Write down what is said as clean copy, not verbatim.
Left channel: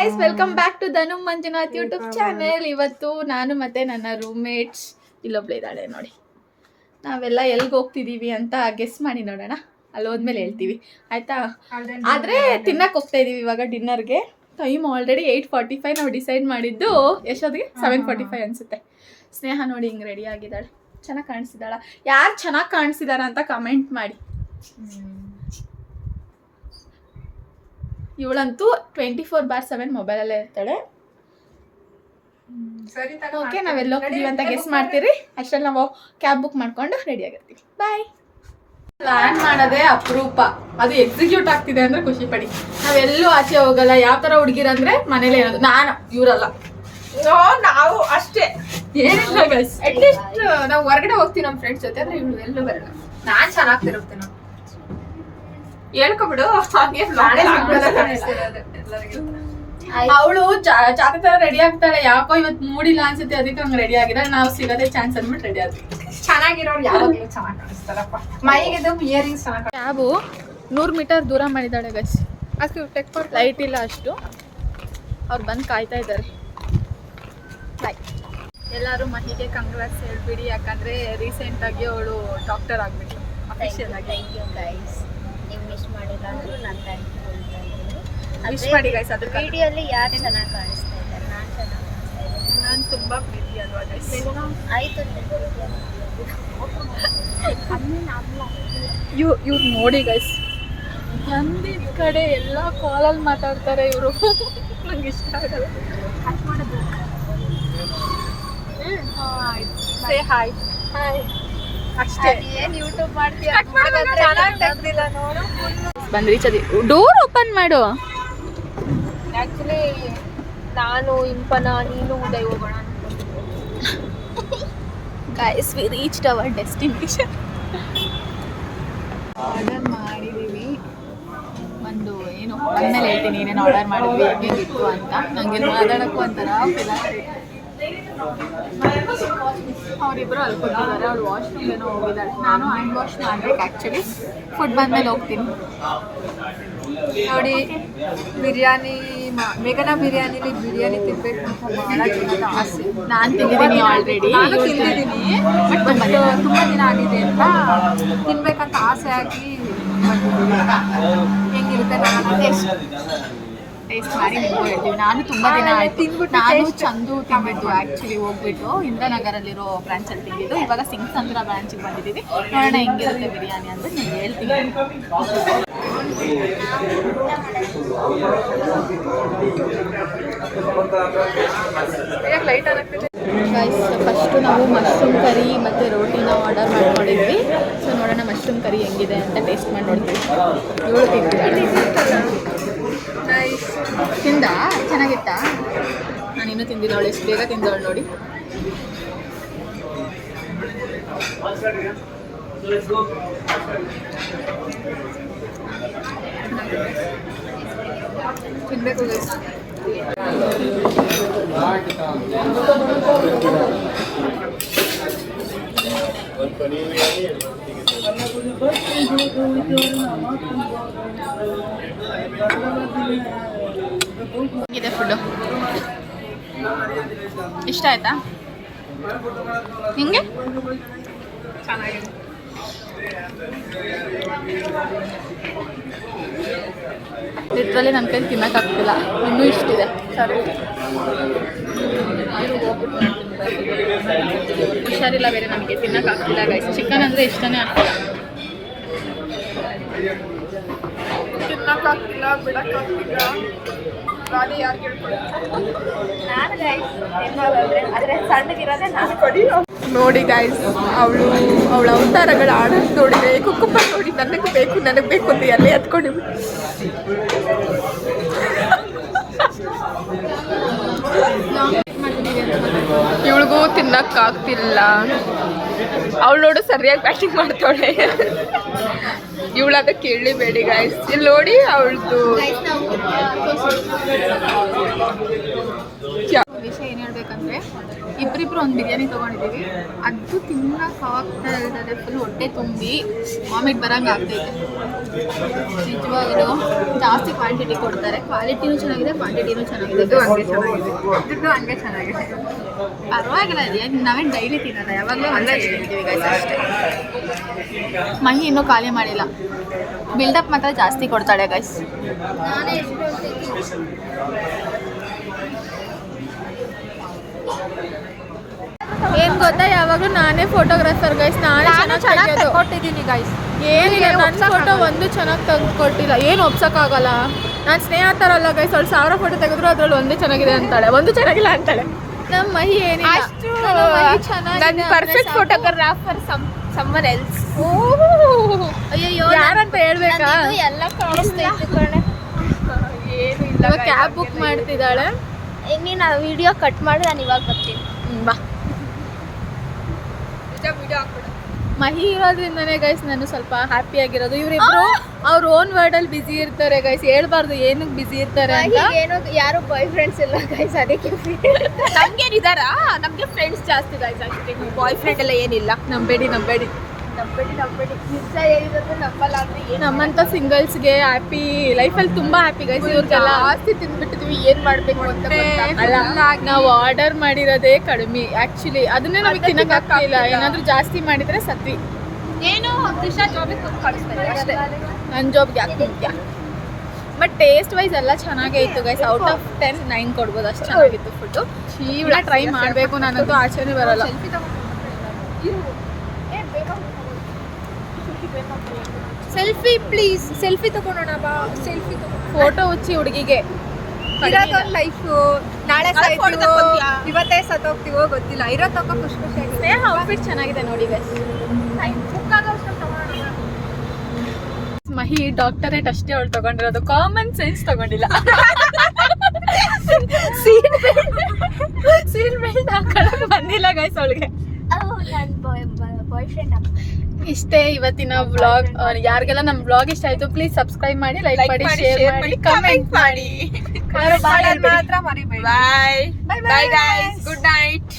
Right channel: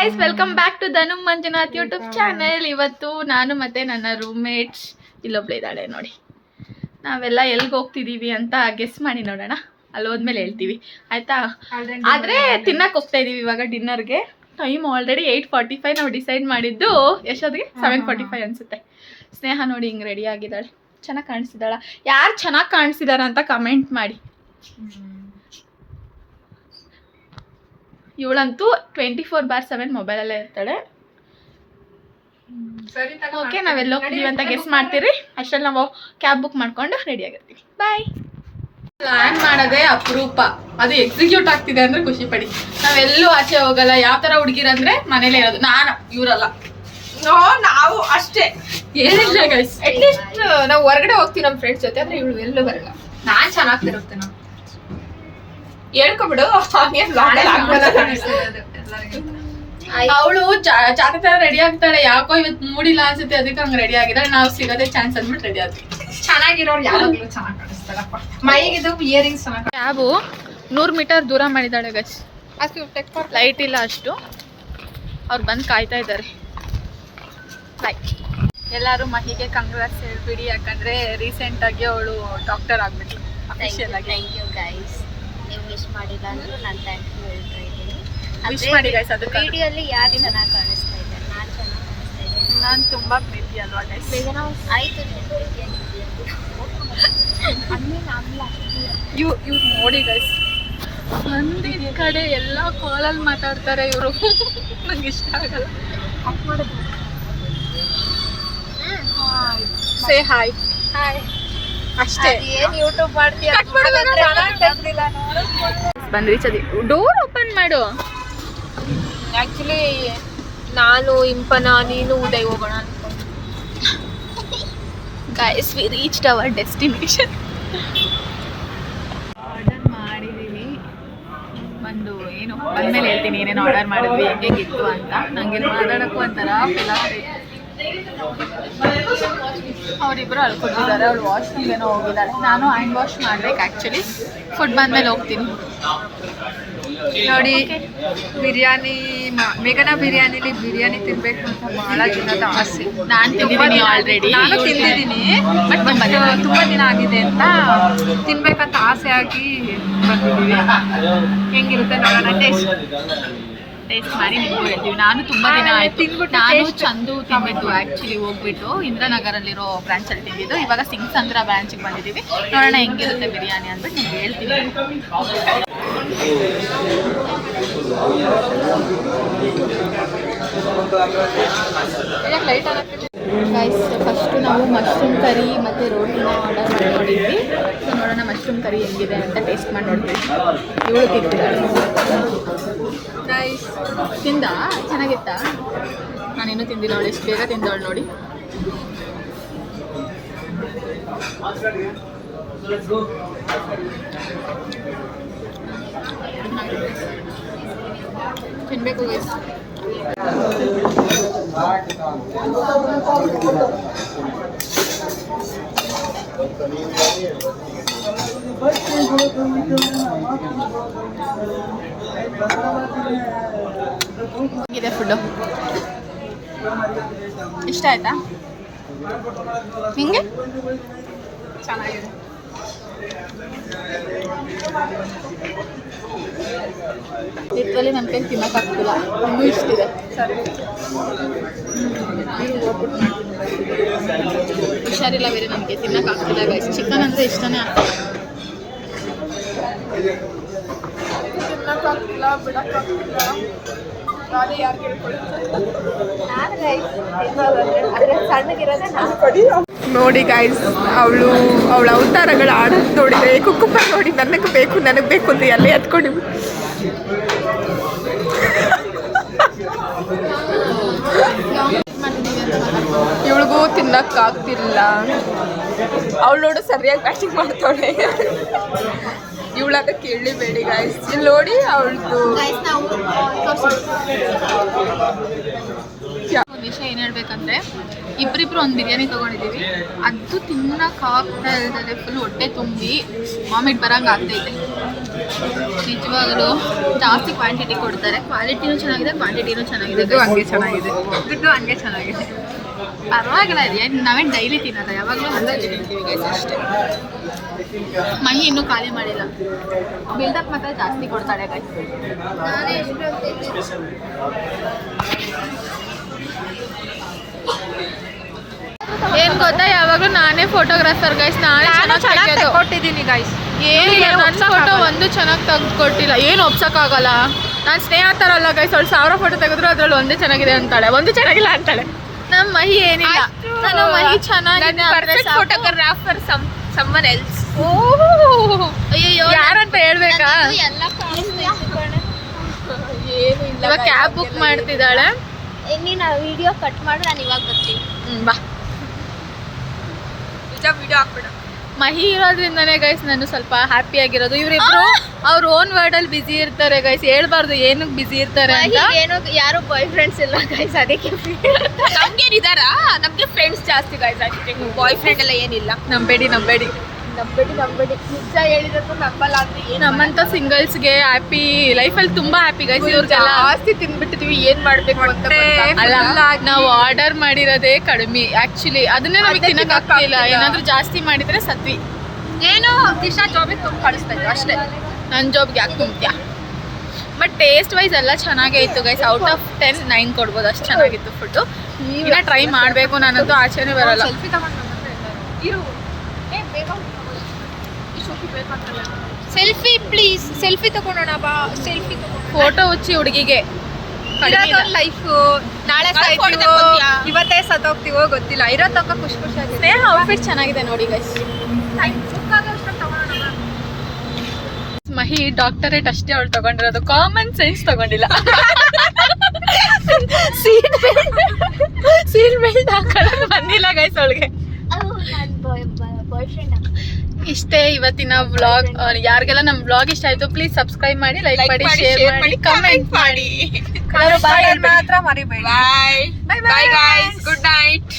Guys, welcome back to Dhanu Manjunath YouTube channel. ಇವತ್ತು ನಾನು ಮತ್ತು ನನ್ನ ರೂಮ್ಮೇಟ್ಸ್ ಇಲ್ಲೊಬ್ಳೆ ಇದ್ದಾಳೆ ನೋಡಿ. ನಾವೆಲ್ಲ ಎಲ್ಲಿಗೆ ಹೋಗ್ತಿದ್ದೀವಿ ಅಂತ ಗೆಸ್ ಮಾಡಿ ನೋಡೋಣ. ಅಲ್ಲಿ ಹೋದ್ಮೇಲೆ ಹೇಳ್ತೀವಿ ಆಯಿತಾ. ಆದರೆ ತಿನ್ನಕ್ಕೆ ಹೋಗ್ತಾ ಇದ್ದೀವಿ ಇವಾಗ ಡಿನ್ನರ್ಗೆ. Time already 8:45. ನಾವು ಡಿಸೈಡ್ ಮಾಡಿದ್ದು ಎಷ್ಟೊತ್ತಿಗೆ 7:45 ಅನಿಸುತ್ತೆ. ಸ್ನೇಹ ನೋಡಿ ಹಿಂಗೆ ರೆಡಿ ಆಗಿದ್ದಾಳೆ. ಚೆನ್ನಾಗಿ ಕಾಣಿಸ್ತಿದ್ದಾಳ? ಯಾರು ಚೆನ್ನಾಗಿ ಕಾಣಿಸ್ತಿದ್ದಾರೆ ಅಂತ ಕಮೆಂಟ್ ಮಾಡಿ. ಇವಳಂತೂ 24/7 ಮೊಬೈಲಲ್ಲೇ ಇರ್ತಾಳೆ. ಓಕೆ, ನಾವೆಲ್ಲ ಹೋಗ್ತೀವಿ ಅಂತ ಗೆಸ್ ಮಾಡ್ತೀರಿ. ಅಷ್ಟರಲ್ಲಿ ನಾವು ಕ್ಯಾಬ್ ಬುಕ್ ಮಾಡ್ಕೊಂಡು ರೆಡಿ ಆಗಿರ್ತೀವಿ. ಬಾಯ್. ಪ್ಲ್ಯಾನ್ ಮಾಡೋದೇ ಅಪರೂಪ, ಅದು ಎಕ್ಸಿಕ್ಯೂಟ್ ಆಗ್ತಿದೆ ಅಂದರೆ ಖುಷಿ ಪಡಿ. ನಾವೆಲ್ಲೂ ಆಚೆ ಹೋಗಲ್ಲ. ಯಾವ ಥರ ಹುಡುಗಿರಂದ್ರೆ ಮನೇಲೇ ಇರೋದು. ನಾನು ಇವರಲ್ಲ, ನಾವು ಅಷ್ಟೇ. ಏನಿಲ್ಲ ಗೈಸ್, ಅಟ್ಲೀಸ್ಟ್ ನಾವು ಹೊರಗಡೆ ಹೋಗ್ತೀವಿ ನಮ್ಮ ಫ್ರೆಂಡ್ಸ್ ಜೊತೆ. ಆದರೆ ಇವಳು ಎಲ್ಲೂ ಬರಲ್ಲ. ನಾನು ಚೆನ್ನಾಗಿ ತಿರುಗ್ತೆ ನಾವು ಹೇಳ್ಕೊಬಿಡು. ಅವಳು ಜಾತಿ ತರ ರೆಡಿ ಆಗ್ತಾಳೆ. ಯಾಕೋ ಇವತ್ತು ಮೂಡಿಲ್ಲ ಅನ್ಸುತ್ತೆ, ಅದಕ್ಕೆ ಹಂಗೆ ರೆಡಿ ಆಗಿದ್ದಾಳೆ. ನಾವು ಸಿಗೋದೇ ಚಾನ್ಸ್ ಅಂದ್ಬಿಟ್ಟು ರೆಡಿ ಆದ್ವಿ. ಚೆನ್ನಾಗಿರೋರು ಯಾವಾಗಲೂ ಚೆನ್ನಾಗಿ ಕಾಣಿಸ್ತಾರಪ್ಪ. ಮೈಗಿದು ಇಯರಿಂಗ್ಸ್ ಚೆನ್ನಾಗಿ. ಕ್ಯಾಬು 100 ಮೀಟರ್ ದೂರ ಮಾಡಿದ್ದಾಳೆ ಗೈಸ್. ಅದಕ್ಕೆ ಲೈಟ್ ಇಲ್ಲ ಅಷ್ಟು. ಅವ್ರು ಬಂದು ಕಾಯ್ತಾ ಇದ್ದಾರೆ. ಬಾಯ್. ಎಲ್ಲರೂ ಮಹಿಗೆ ಕಂಗ್ರಾಟ್ಸ್ ಹೇಳ್ಬಿಡಿ, ಯಾಕಂದ್ರೆ ರೀಸೆಂಟಾಗಿ ಅವಳು ಡಾಕ್ಟರ್ ಆಗ್ಬಿಟ್ಲು ಅಫಿಷಿಯಲ್ ಆಗಿ. Thank you guys. ನೀವು ವಿಶ್ ಮಾಡಿಲ್ಲ ಅಂದರೂ ನಾನು ಥ್ಯಾಂಕ್ ಯು ಹೇಳ್ತಾ ಇದ್ದೀನಿ. ವಿಶ್ ಮಾಡಿ ಗೈಸ್. ಅದಕ್ಕೆ ವಿಡಿಯೋಲಿ ಯಾರು ಚೆನ್ನಾಗಿ ಕಾಣಿಸ್ತಾ ಇದ್ದಾರೆ? ನಾನು ಚೆನ್ನಾಗಿ ಕಾಣಿಸ್ತಾ ಇದ್ದೀನಿ. ನಾನು ತುಂಬ ಪ್ರೀತಿ ಅಲ್ವಾ ಗೈಸ್? ಆಯಿತು, ನಿನ್ನ ಪ್ರೀತಿಯನ್ನು ಇವ್ರು ನೋಡಿ ಗೈಸ್, ಮಂದಿ ಕಡೆ ಎಲ್ಲ ಕಾಲಲ್ಲಿ ಮಾತಾಡ್ತಾರೆ ಇವರು. ನಂಗೆ ಇಷ್ಟ ಆಗಲ್ಲ. Say hi. ಹಾಯ್ ಅಷ್ಟೇ. ಏನು ಯೂಟ್ಯೂಬ್ ಮಾಡ್ತೀಯ? ಬಂದ್ವಿ. ಚದಿ ಡೋರ್ ಓಪನ್ ಮಾಡು. ಆ್ಯಕ್ಚುಲಿ ನಾನು ಇಂಪನ ನೀನು ಉದಯ್ ಹೋಗೋಣ ಅನ್ಕೊಂಡು. Guys, we reached our destination. Order ಮಾಡಿದ್ದೀವಿ. ಒಂದು ಏನು ಬಂದಮೇಲೆ ಹೇಳ್ತೀನಿ ಏನೇನು ಆರ್ಡರ್ ಮಾಡಿದ್ವಿ, ಹೆಂಗಿತ್ತು ಅಂತ. ನನಗೆ ಮಾತಾಡೋಕ್ಕೂ ಒಂಥರ ಫಿಲ್ ಆಗ್ತೈತೆ. ಅವರಿಬ್ಬರು ಅಲ್ಲಿ ಕೂತಿದ್ದಾರೆ. ಅವ್ರು ವಾಶ್ರೂಮ್ಗೇನೋ ಹೋಗಿದ್ದಾರೆ. ನಾನು ಹ್ಯಾಂಡ್ ವಾಶ್ ಮಾಡ್ಬೇಕು ಆ್ಯಕ್ಚುಲಿ. ಫುಡ್ ಬಂದಮೇಲೆ ಹೋಗ್ತೀನಿ ನೋಡಿ. ಬಿರಿಯಾನಿ, ಮೇಘನಾ ಬಿರಿಯಾನಿಲಿ ಬಿರಿಯಾನಿ ತಿನ್ಬೇಕು ಅಂತ ಭಾಳ ಜನದ ಆಸೆ. ನಾನು ತಿಂದಿದ್ದೀನಿ ಆಲ್ರೆಡಿ. ನಾನು ತಿಂದಿದ್ದೀನಿ, ಬಟ್ ತುಂಬ ದಿನ ಆಗಿದೆ ಅಂತ ತಿನ್ಬೇಕಂತ ಆಸೆ ಆಗಿ ಬಂದಿದ್ದೀವಿ. ಹೆಂಗಿರುತ್ತೆ ನೋಡೋಣ. ಟೇಸ್ಟ್ ಮಾಡಿ ನಿಮಗೂ ಹೇಳ್ತೀವಿ. ನಾನು ತುಂಬ ದಿನ ಆಯಿತು. ನಾನು ಚಂದು ತಿಂದಿದ್ದು ಆ್ಯಕ್ಚುಲಿ ಹೋಗ್ಬಿಟ್ಟು ಇಂದ್ರನಗರಲ್ಲಿರೋ ಬ್ರಾಂಚಲ್ಲಿ ತಿಂದಿದ್ದು. ಇವಾಗ ಸಿಂಗ್ಸಂದ್ರ ಬ್ರಾಂಚಿಗೆ ಬಂದಿದ್ದೀವಿ. ನೋಡೋಣ ಹೆಂಗಿರುತ್ತೆ ಬಿರಿಯಾನಿ ಅಂದ್ಬಿಟ್ಟು ನಿಮ್ಗೆ ಹೇಳ್ತೀನಿ. ಗೈಸ್, ಫಸ್ಟು ನಾವು ಮಶ್ರೂಮ್ ಕರಿ ಮತ್ತು ರೋಟಿನ ಆರ್ಡರ್ ಮಾಡಿದ್ವಿ. ಸೊ ನೋಡೋಣ ಮಶ್ರೂಮ್ ಕರಿ ಹೆಂಗಿದೆ ಅಂತ ಟೇಸ್ಟ್ ಮಾಡಿ ನೋಡ್ತೀವಿ. ಇವಳು ತಿಂತಿದ್ದಾಳೆ. ತಿಂದ ಚೆನ್ನಾಗಿತ್ತಾ? ನಾನಿನ್ನೂ ತಿಂದಿಲ್ಲ. ಅವಳು ಎಷ್ಟು ಬೇಗ ತಿಂದವಳು ನೋಡಿ. ತಿನ್ಬೇಕು ಗೈಸ್. ಹೇಗಿದೆ ಫುಡ್ಡು? ಇಷ್ಟ ಆಯ್ತಾ ನಿಂಗೆ? ಚೆನ್ನಾಗಿದೆ. ಲಿಟ್ರಲಿ ನನ್ನ ಕೈ ತಿನ್ನೋಕ್ಕಾಗ್ತಿಲ್ಲ. ಇನ್ನೂ ಇಷ್ಟಿದೆ. ಸರಿ, ಹುಷಾರಿಲ್ಲ ಬೇರೆ ನನಗೆ, ತಿನ್ನೋಕ್ಕಾಗ್ತಿಲ್ಲ ಗೈಸ್. ಚಿಕನ್ ಅಂದರೆ ಇಷ್ಟನೇ ಆಗ್ತಿಲ್ಲ. ತಿನ್ನೋಕ್ಕಾಗ್ತಿಲ್ಲ, ಬಿಡೋಕ್ಕಾಗ್ತಿಲ್ಲ. ನೋಡಿ ಗೈಸ್, ಅವಳ ಅವತಾರಗಳು ಆಡೋದು ನೋಡಿದ್ರೆ ಕುಕ್ಕುಪ್ಪ ನೋಡಿ ನನಗೆ ಬೇಕು ಅಂತ ಎಲ್ಲೇ ಹತ್ಕೊಂಡಿಬಿಟ್ಟು. ಇವಳಿಗೂ ತಿನ್ನಕ್ಕಾಗ್ತಿಲ್ಲ. ಅವಳು ನೋಡು ಸರಿಯಾಗಿ ಪ್ಯಾಕಿಂಗ್ ಮಾಡ್ತಾಳೆ. ಇವಳಾದ ಕೇಳಬೇಡಿ ಗೈಸ್. ಇಲ್ಲಿ ನೋಡಿ ಅವಳದು ಒಂದು ವಿಷಯ ಏನು ಹೇಳ್ಬೇಕಂದ್ರೆ, ಇಬ್ಬರಿಬ್ರು ಒಂದು ಬಿರಿಯಾನಿ ತೊಗೊಂಡಿದ್ದೀವಿ. ಅದು ತಿನ್ನೋಕ್ಕಾಗ್ತಾ ಇರೋದೇ ಫುಲ್ ಹೊಟ್ಟೆ ತುಂಬಿ ವಾಮಿಟ್ ಬರೋಂಗೆ ಆಗ್ತೈತೆ. ನಿಜವಾಗ್ಲೂ ಜಾಸ್ತಿ ಕ್ವಾಂಟಿಟಿ ಕೊಡ್ತಾರೆ, ಕ್ವಾಲಿಟಿನೂ ಚೆನ್ನಾಗಿದೆ, ಕ್ವಾಂಟಿಟಿನೂ ಚೆನ್ನಾಗಿದೆ. ದುಡ್ಡು ಹಂಗೆ ಚೆನ್ನಾಗಿದೆ, ದುಡ್ಡು ಹಂಗೆ ಚೆನ್ನಾಗಿದೆ. ಪರವಾಗಿಲ್ಲ ಇದೆ, ನಾವೇನು ಡೈಲಿ ತಿನ್ನೋದ, ಯಾವಾಗಲೂ ಅಲ್ಲೇ ತಿಂತೀವಿ ಗೈಸ್ ಅಷ್ಟೇ. ಮಹಿ ಇನ್ನೂ ಖಾಲಿ ಮಾಡಿಲ್ಲ, ಬಿಲ್ಡಪ್ ಮಾತ್ರ ಜಾಸ್ತಿ ಕೊಡ್ತಾಳೆ ಗೈಸ್. ನಾನೇ ಎಷ್ಟು ಏನ್ ಗೊತ್ತಾ, ಯಾವಾಗಲೂ ನಾನೇ ಫೋಟೋಗ್ರಾಫರ್ ಗೈಸ್, ನಾನೇ ಚೆನ್ನಾಗಿ ಕೊಟ್ಟಿದ್ದೀನಿ ಗೈಸ್. ಏನಿಲ್ಲ, ನನ್ನ ಫೋಟೋ ಒಂದು ಚೆನ್ನಾಗಿ ತೆಗೆದುಕೊಟ್ಟಿಲ್ಲ. ಏನು ಒಪ್ಸೋಕ್ಕಾಗಲ್ಲ, ನಾನು ಸ್ನೇಹ ಥರ ಅಲ್ಲ ಗೈಸ್. ಅವಳು 1000 ಫೋಟೋ ತೆಗೆದ್ರು ಅದ್ರಲ್ಲಿ ಒಂದೇ ಚೆನ್ನಾಗಿದೆ ಅಂತಾಳೆ, ಒಂದು ಚೆನ್ನಾಗಿಲ್ಲ ಅಂತಾಳೆ. ನಮ್ಮ ಮಹಿ ಏನಿಲ್ಲ, ನಾನು ಮಹಿ ಚೆನ್ನಾಗಿದೆ ಫೋಟೋಗ್ರಾಫರ್ ಸಮ್ಮನ್ ಎಲ್ಸ್. ಅಯ್ಯೋ ಯಾರಂತ ಹೇಳ್ಬೇಕಾ? ಎಲ್ಲ ಕಾಣಿಸ್ತೈತೆ ಕಣೆ. ಇವಾಗ ಕ್ಯಾಬ್ ಬುಕ್ ಮಾಡ್ತಿದ್ದಾಳೆ. ನೀನು ಆ ವಿಡಿಯೋ ಕಟ್ ಮಾಡಿ ನಾನು ಇವಾಗ ಬರ್ತೀನಿ. ಬಾ. ವಿಡಿಯೋ ಹಾಕ್ಬಿಡು. ಮಹಿ ಇರೋದ್ರಿಂದನೇ ಗೈಸ್ ನಾನು ಸ್ವಲ್ಪ ಹ್ಯಾಪಿ ಆಗಿರೋದು. ಇವರಿಬ್ರು ಅವ್ರ ಓನ್ ವರ್ಡ್ ಅಲ್ಲಿ ಬಿಸಿ ಇರ್ತಾರೆ ಗೈಸ್, ಹೇಳ್ಬಾರ್ದು ಏನಕ್ಕೆ ಬಿಸಿ ಇರ್ತಾರೆ ಅಂತ. ಏನೋ ಯಾರು ಬಾಯ್ ಫ್ರೆಂಡ್ಸ್ ಇಲ್ಲ ಗೈಸ್, ಅದಕ್ಕೆ ನಮ್ಗೇನಿದಾರ, ನಮ್ಗೆ ಫ್ರೆಂಡ್ಸ್ ಜಾಸ್ತಿ ಗೈಸ್. ಬಾಯ್ ಫ್ರೆಂಡ್ ಎಲ್ಲ ಏನಿಲ್ಲ. ನಂಬೇಡಿ ನಿಜ ಹೇಳಿರೋದು ನಂಬಲ್ಲ ಅಂದ್ರೆ ಏನು. ನಮ್ಮಂತ ಸಿಂಗಲ್ಸ್ಗೆ ಹ್ಯಾಪಿ ಲೈಫಲ್ಲಿ ತುಂಬಾ ಹ್ಯಾಪಿ ಗೈಸ್. ಇವ್ರಿಗೆಲ್ಲ ಜಾಸ್ತಿ ತಿನ್ಬಿಟ್ಟಿದೀವಿ, ಏನ್ ಮಾಡ್ಬೇಕು ಅಂತ ಅಲ್ಲ, ನಾವು ಆರ್ಡರ್ ಮಾಡಿರೋದೇ ಕಡಿಮೆ ಆಕ್ಚುಲಿ, ಅದನ್ನೇ ನಮಗೆ ತಿನ್ನಕ್ ಆಗ್ತಿಲ್ಲ. ಏನಾದ್ರೂ ಜಾಸ್ತಿ ಮಾಡಿದ್ರೆ ಸತ್ವಿ. ಏನು ದಿಶಾ ಜಾಬಿಗೆ ತುಂಬ ಕಳಿಸ್ಬೇಕು ಅಷ್ಟೇ. ನನ್ನ ಜಾಬ್ಗೆ ಯಾಕೆ ತುಂಬ್ತ್ಯಾ? ಬಟ್ ಟೇಸ್ಟ್ ವೈಸ್ ಎಲ್ಲ ಚೆನ್ನಾಗೇ ಇತ್ತು ಗೈಸ್. ಔಟ್ ಆಫ್ 10 9 ಕೊಡ್ಬೋದು, ಅಷ್ಟು ಚೆನ್ನಾಗಿತ್ತು ಫುಡ್ಡು. ಈಗ ಟ್ರೈ ಮಾಡಬೇಕು, ನಾನಂತೂ ಆಚೆನೇ ಬರಲ್ಲ. ಸೆಲ್ಫಿ ಇರು, ಸೆಲ್ಫಿ ಪ್ಲೀಸ್, ಸೆಲ್ಫಿ ತಗೊಂಡೋಣ ಬಾ. ಸೆಲ್ಫಿ ಫೋಟೋ ಹುಚ್ಚಿ ಹುಡುಗಿಗೆ ಲೈಫ್. ನಾಳೆ ಸಾಯ್ತೀವೋ ಇವತ್ತೇ ಸತ್ತೋಗ್ತೀವೋ ಗೊತ್ತಿಲ್ಲ, ಇರೋ ತನಕ ಖುಷಿ ಖುಷಿಯಾಗಿದೆ. ಔಟ್ಫಿಟ್ ಚೆನ್ನಾಗಿದೆ ನೋಡಿ ಗೈಸ್. ಮಹಿ ಡಾಕ್ಟರೇಟ್ ಅಷ್ಟೇ ಅವಳು ತಗೊಂಡಿರೋದು, ಕಾಮನ್ ಸೆನ್ಸ್ ತಗೊಂಡಿಲ್ಲ. ಸೀಟ್ ಬೆಲ್ಟ್ ಹಾಕೊಳ್ಳೋದು ಬಂದಿಲ್ಲ ಗೈಸ್ ಅವಳಿಗೆ. ಬಾಯ್ ಫ್ರೆಂಡ್ ಇಷ್ಟೇ ಇವತ್ತಿನ ವ್ಲಾಗ್. ಯಾರಿಗೆಲ್ಲ ನಮ್ಮ ವ್ಲಾಗ್ ಇಷ್ಟ ಆಯ್ತು ಪ್ಲೀಸ್ ಸಬ್ಸ್ಕ್ರೈಬ್ ಮಾಡಿ, ಲೈಕ್ ಮಾಡಿ, ಶೇರ್ ಮಾಡಿ, ಕಮೆಂಟ್ ಮಾಡಿ. ಮಾತ್ರ ಮರಿಬೇಡಿ. ಬಾಯ್ ಬಾಯ್ ಗೈಸ್, ಗುಡ್ ನೈಟ್.